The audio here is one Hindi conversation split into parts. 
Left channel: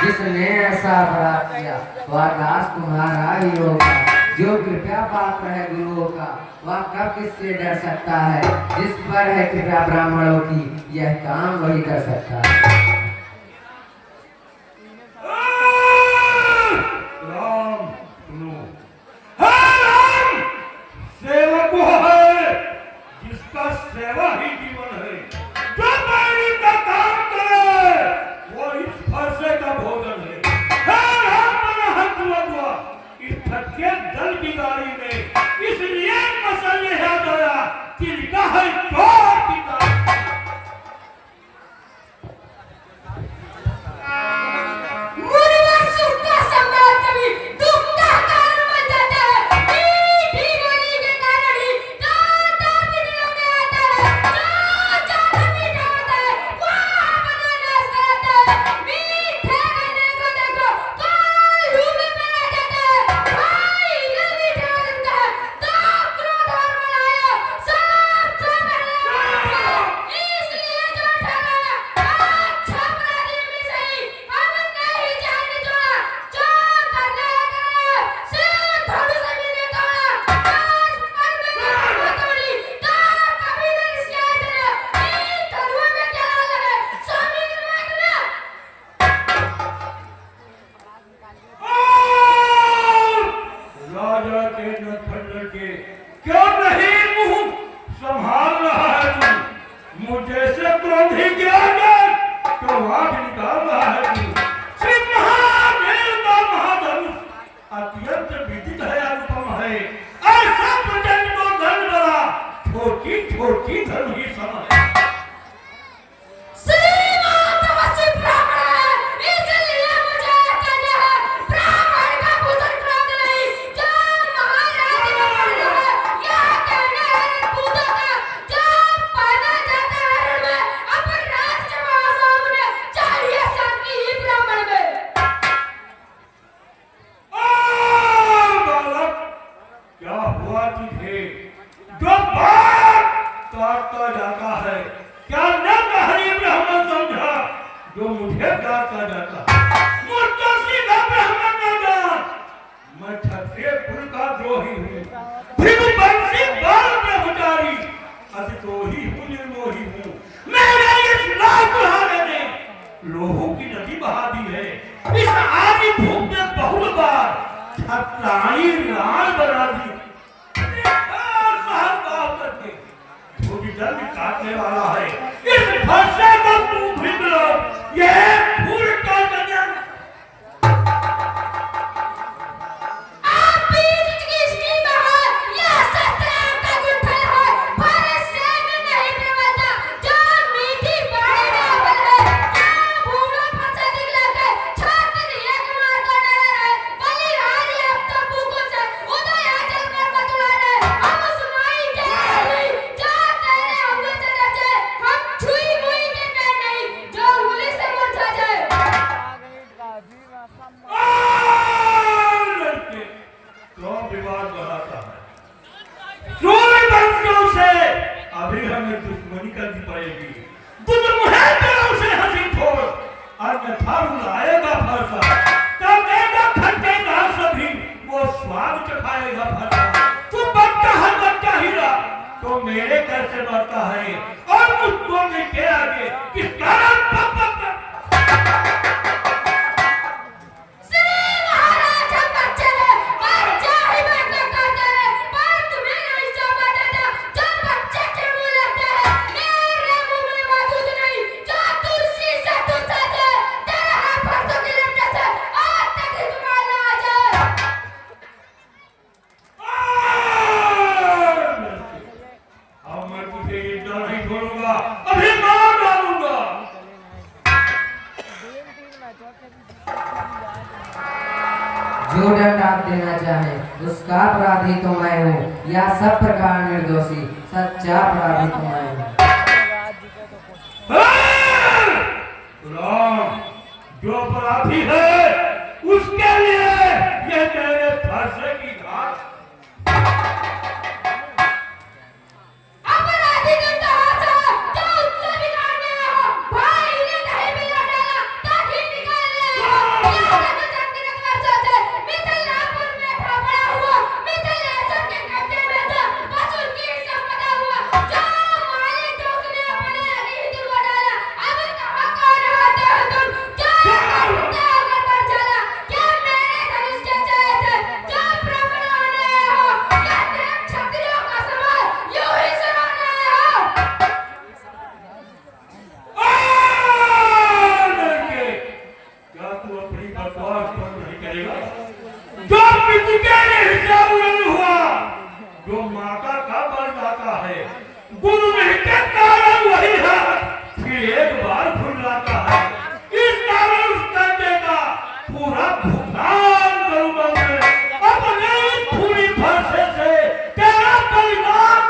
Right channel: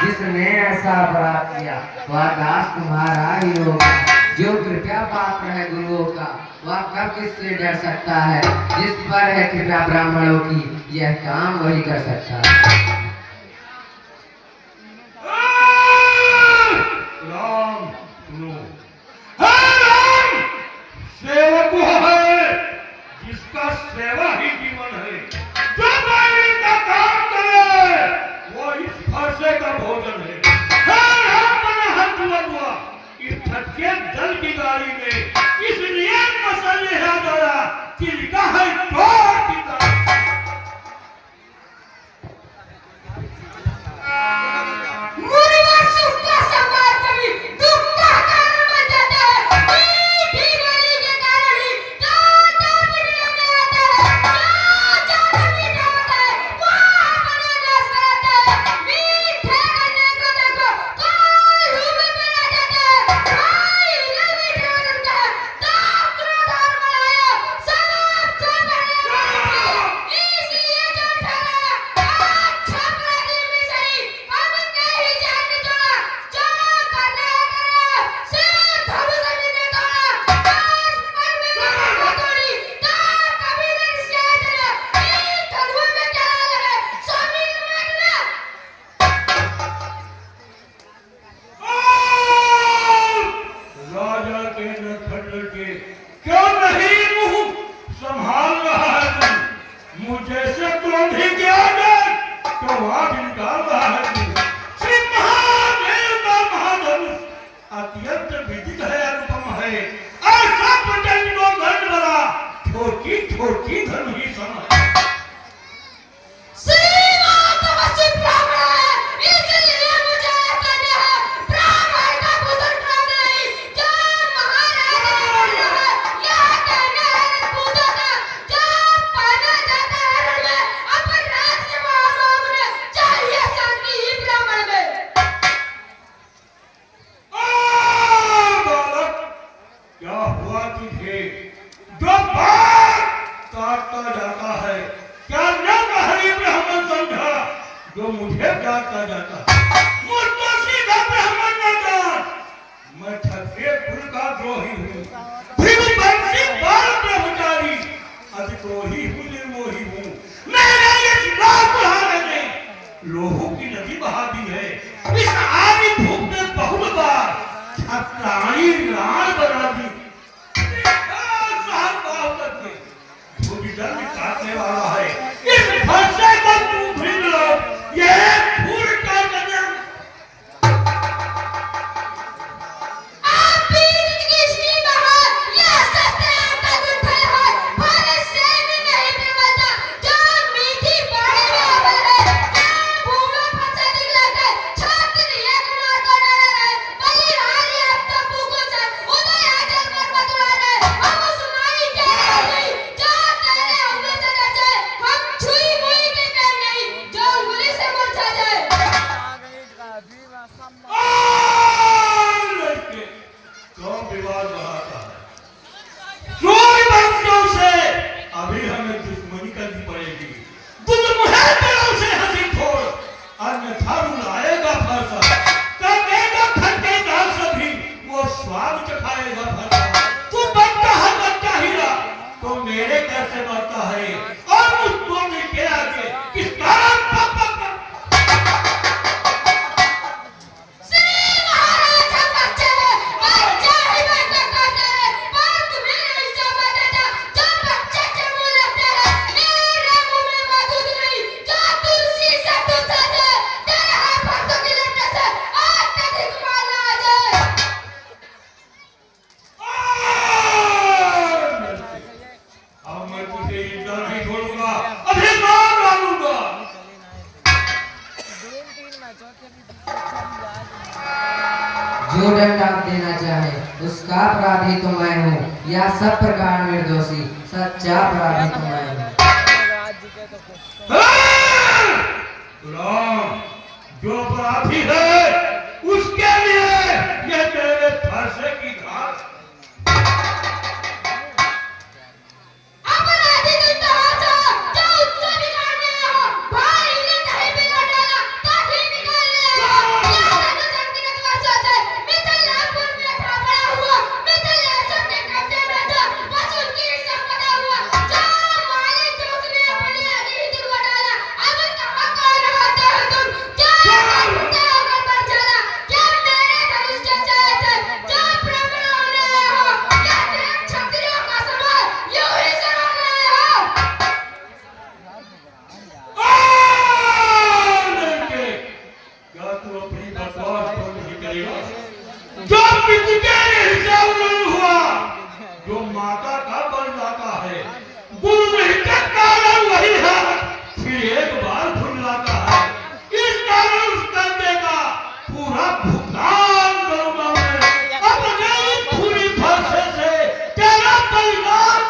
जिसने ऐसा अपराध किया वह दास तुम्हारा ही होगा। जो कृपया पात्र है गुरुओं का वह कब किससे डर सकता है। जिस पर है कृपया ब्राह्मणों की यह काम वही कर सकता है। बंसियों से अभी हमें दुश्मनी करनी पड़ेगी। तू तो मुझे दिलों से हंसी छोड़, अन्यथा रुलाएगा फरसा, करेगा खटेगा सभी, वो स्वाद चखाएगा फरसा। तू बनता है बच्चा हीरा, तो मेरे घर से बढ़ता है, और मुझको के आगे किसका जो दंड आप देना चाहे उसका अपराधी तो मैं हूँ, या सब प्रकार निर्दोषी सच्चा अपराधी तो मैं हूँ। जो अपराधी है उसके लिए ये तेरे फांसी की घाट। जो जो माता का बन जाता है, गुरु नहीं का कारण वही है, फिर एक बार भूल जाता है। इस कारण उस कंधे का पूरा भुगतान करूंगा मैं, अपने पूरी भाषा से तेरा परिणाम।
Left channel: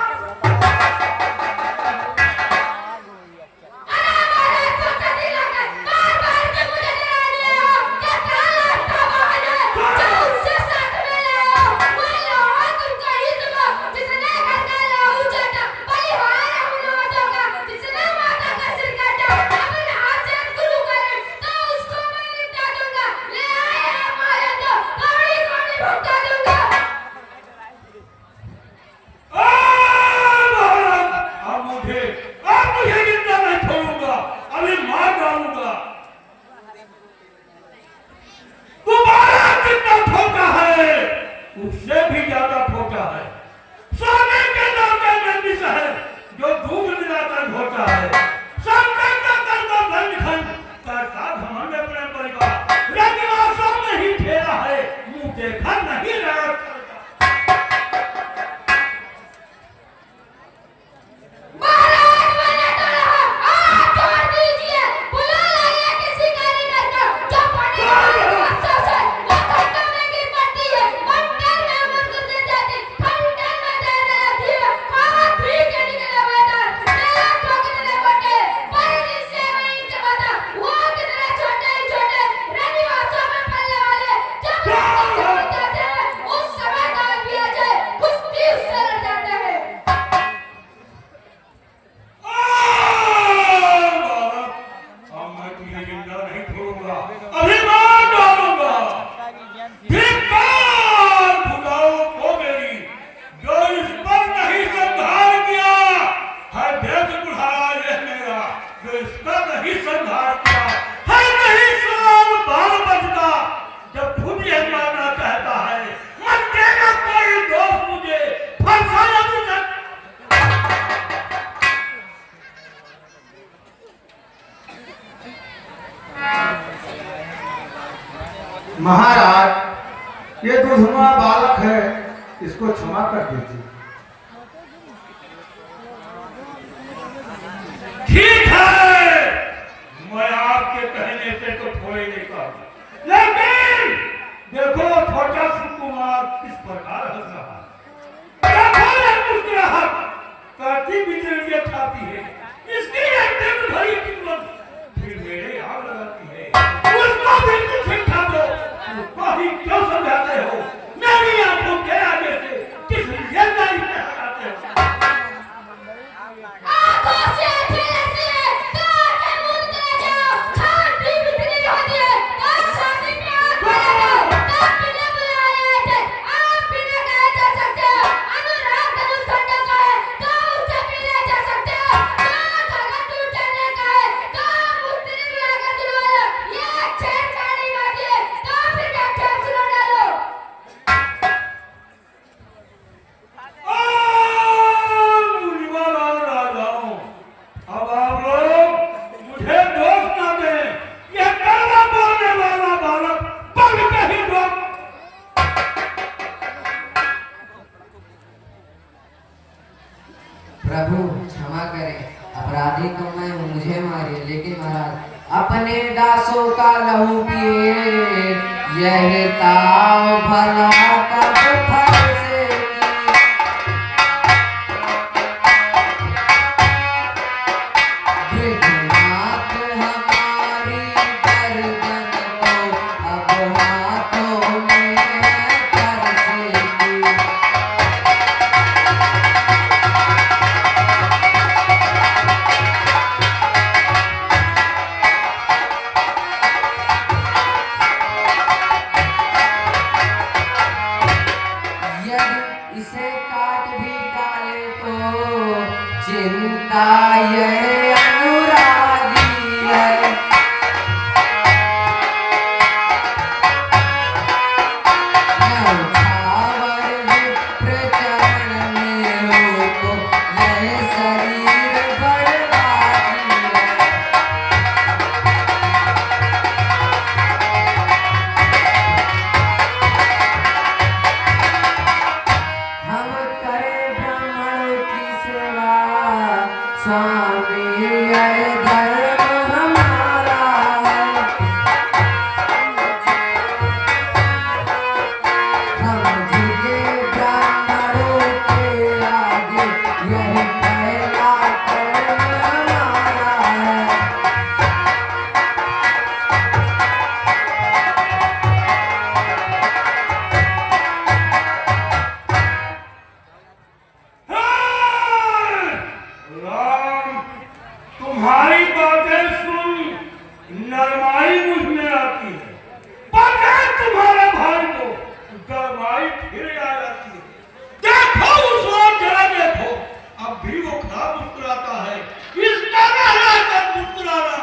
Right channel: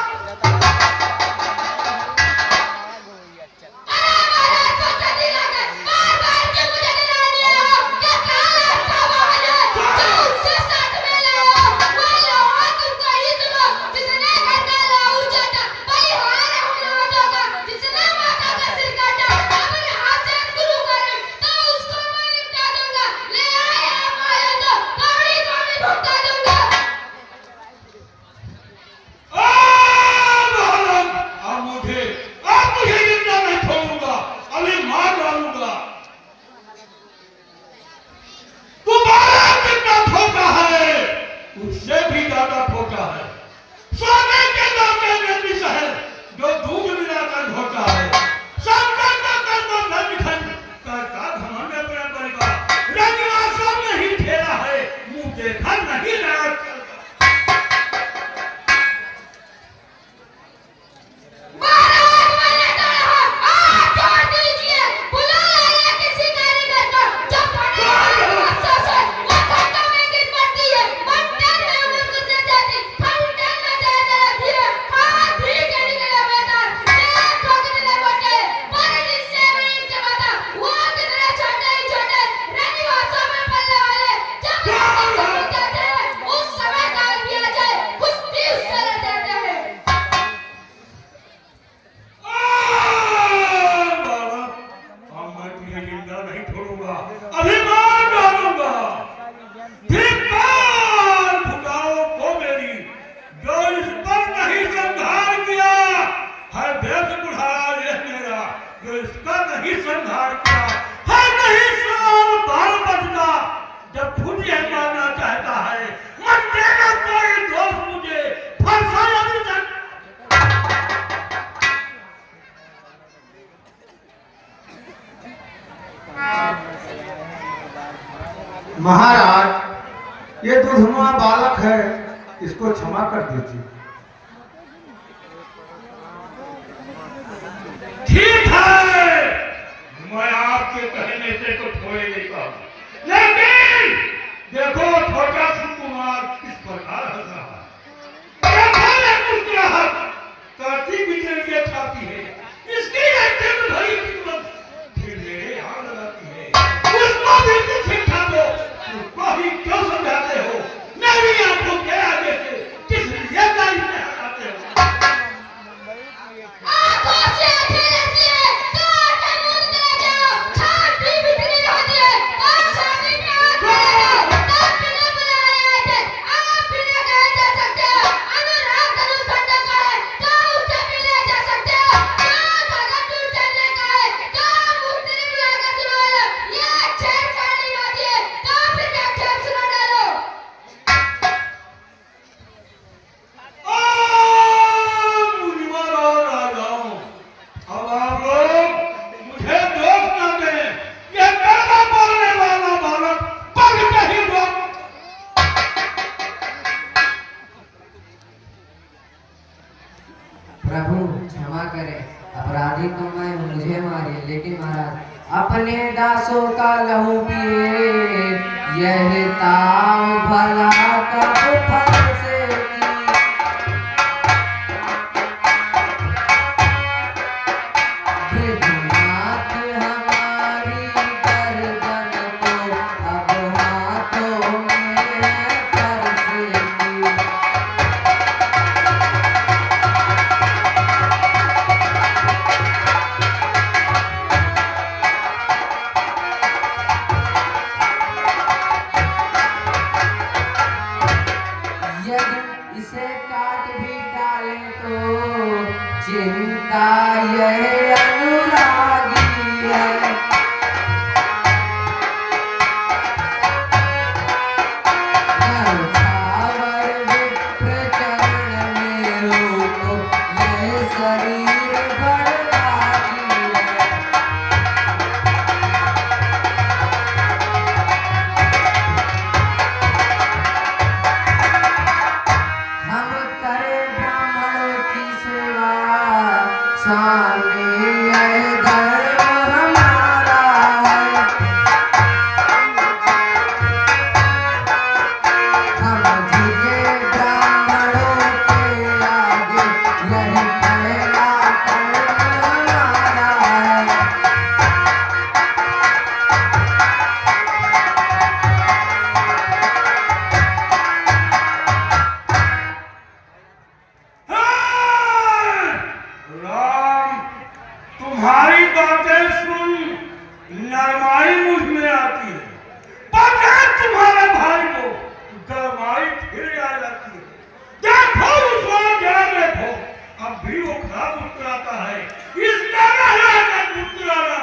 उससे भी ज्यादा खोटा है सोने के नामे गंदिश है, जो दूध मिलाकर घोटा है। सामने का कर दो धनखंड, करता घमंड अपने परिवार, रंगवासों में ही ठेला है, मुंह देखा नहीं रहा। महाराज, ये दुधुआ बालक है, इसको क्षमा कर दीजिए। ठीक है, मैं आपके कहने से तो थोड़े लेता हूँ, लेकिन देखो छोटा सुकुमार किस प्रकार हंस रहा है, मुस्कुराहट काटी बिजलियां खाती है, इसकी एक भरी किस्मत फिर मेरे यहाँ लगाती है। उसको बिल्कुल सिखा दो, उसको ही क्यों समझाते हो? मेरी आंखों के आगे से किस लिए नहीं हटाते हो? प्रभु क्षमा करें, अपराधी तो मैं हूँ, मुझे मारिए, लेकिन महाराज अपने दासों का लहू पिए, यह ताव भला तब फल से की। भृगुनाथ हमारी गर्दन को अब हाथों में फरसेगी। यदि इसे काट भी डाले तो चिंता यह अनुरागी है। न्यौछावर विप्र चरण में हो तो यह शरीर बड़भागी है। हम करें ब्राह्मणों की सेवा, स्वामी यह धर्म हमारा है। हम झुके ब्राह्मणों के आगे, यही पहला कर्म हमारा है। राम, तुम्हारी बातें सुन नरमाई मुझ में आती है, बगैर तुम्हारे भाई को गरमाई फिर आ जाती है। देखो उसको, जरा देखो, अब भी वो खराब मुस्कुराता है। इसका मुस्कुराना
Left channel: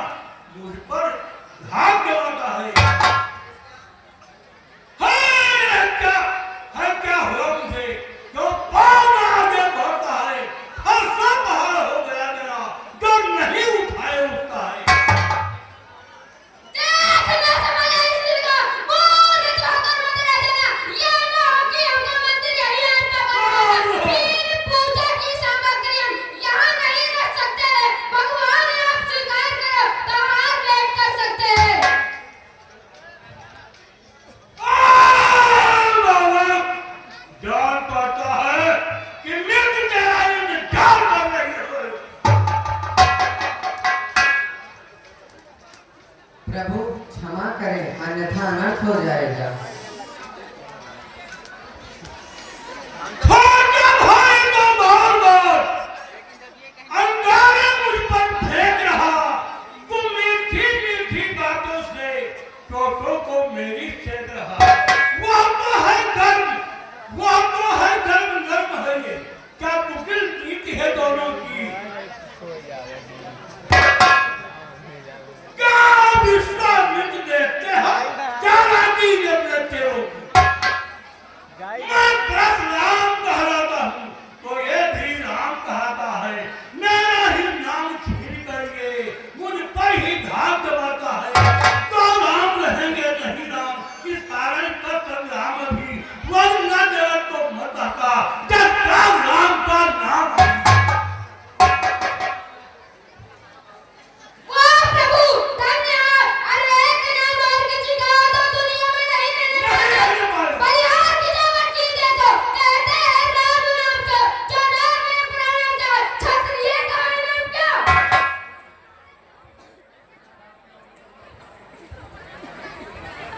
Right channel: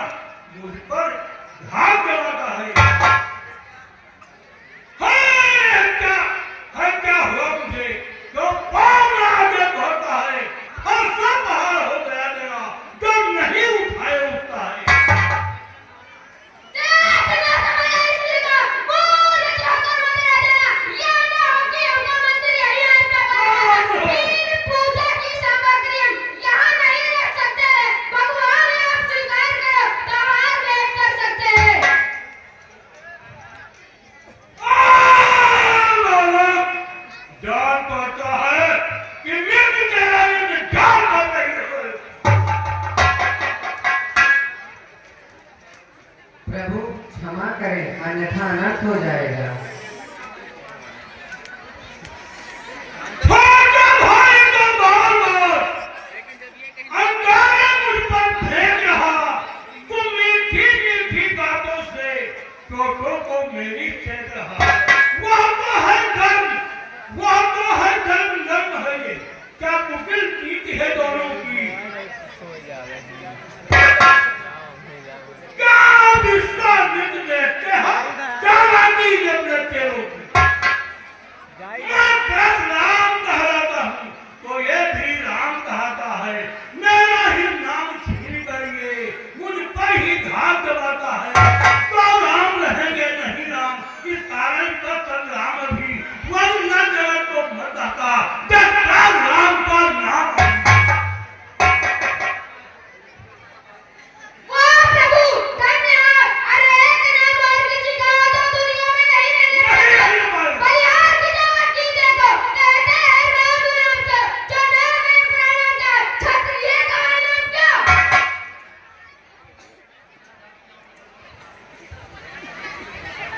मुझ पर घाव जमाता है। क्या हुआ मुझे? जो पाँव में आगे बढ़ता है, हर सब बाहर हो गया मेरा, जो नहीं उठाए उठता है। जान पाता है कि मिर्ग तेरा इंतजार कर रही है। प्रभु क्षमा करें, अन्यथा अनर्थ हो जाएगा। छोटा भाई तो बार-बार अंगारे मुझ पर फेंक रहा। तुम मीठी-मीठी बातों से चोटों को मेरी फेंक रहा। वह तो है धर्म, वह तो है धर्म नर्म है ये। क्या मुकिल जीत है दोनों की? क्या विश्वा मिट देखते हैं? क्या राती अपने तेरों की? मैं बस राम कहलाता हूँ, तो ये भी राम कहता है। मेरा ही नाम छीन कर ये मुझ पर ही घात जमाता है। तो राम रहेंगे नहीं राम, इस कारण का संग्राम भी वरुणा जगत को मरता का जब राम का नाम है।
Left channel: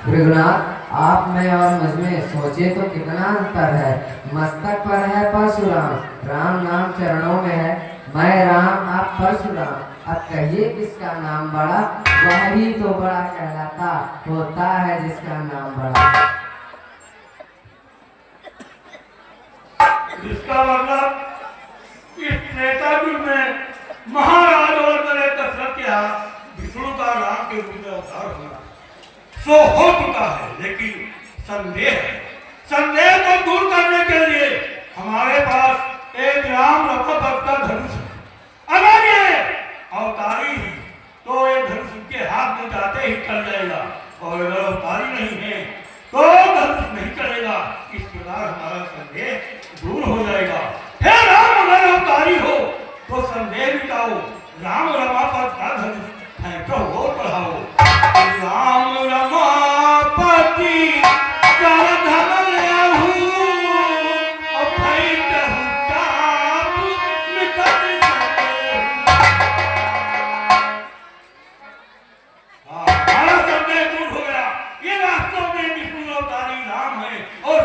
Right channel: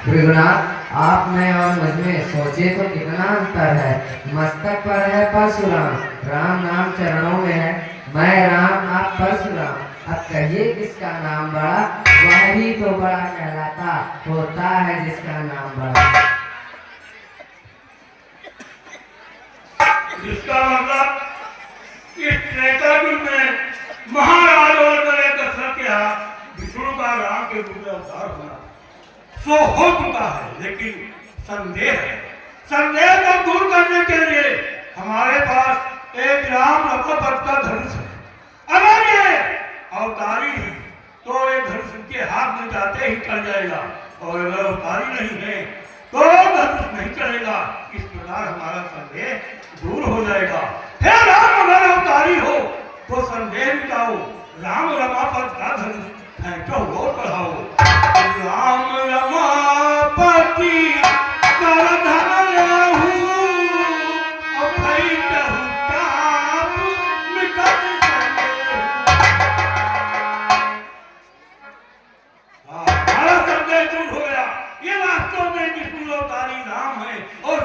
भृगुनाथ, आप में और मुझ में सोचे तो कितना अंतर है। मस्तक पर है परशुराम, राम नाम चरणों में है। मैं राम, आप परशुराम। अब कहिए किसका नाम बड़ा? वही तो बड़ा कहलाता होता है जिसका नाम बड़ा। जिसका मतलब इस त्रेता युग में महाराज और दशरथ के हाथ विष्णु का राम के रूप में अवतार होना सो हो चुका है। लेकिन संदेह को दूर करने के लिए हमारे पास एक राम रक्त का धनुष है। अगर ये अवतारी है तो ये धनुष के हाथ में जाते ही चल जाएगा, और अगर अवतारी नहीं है तो धनुष नहीं चलेगा। इस प्रकार हमारा संदेह दूर हो जाएगा। हे राम, अगर अवतारी हो जाओ, राम रमापति का धनुष फेंको और बढ़ाओ। राम रमापति का धनुष लेहूं, और फैंकहूं ताप निकट चलेहूं। हमारा संदेह दूर हो गया। ये वास्तव में विष्णु अवतारी राम है और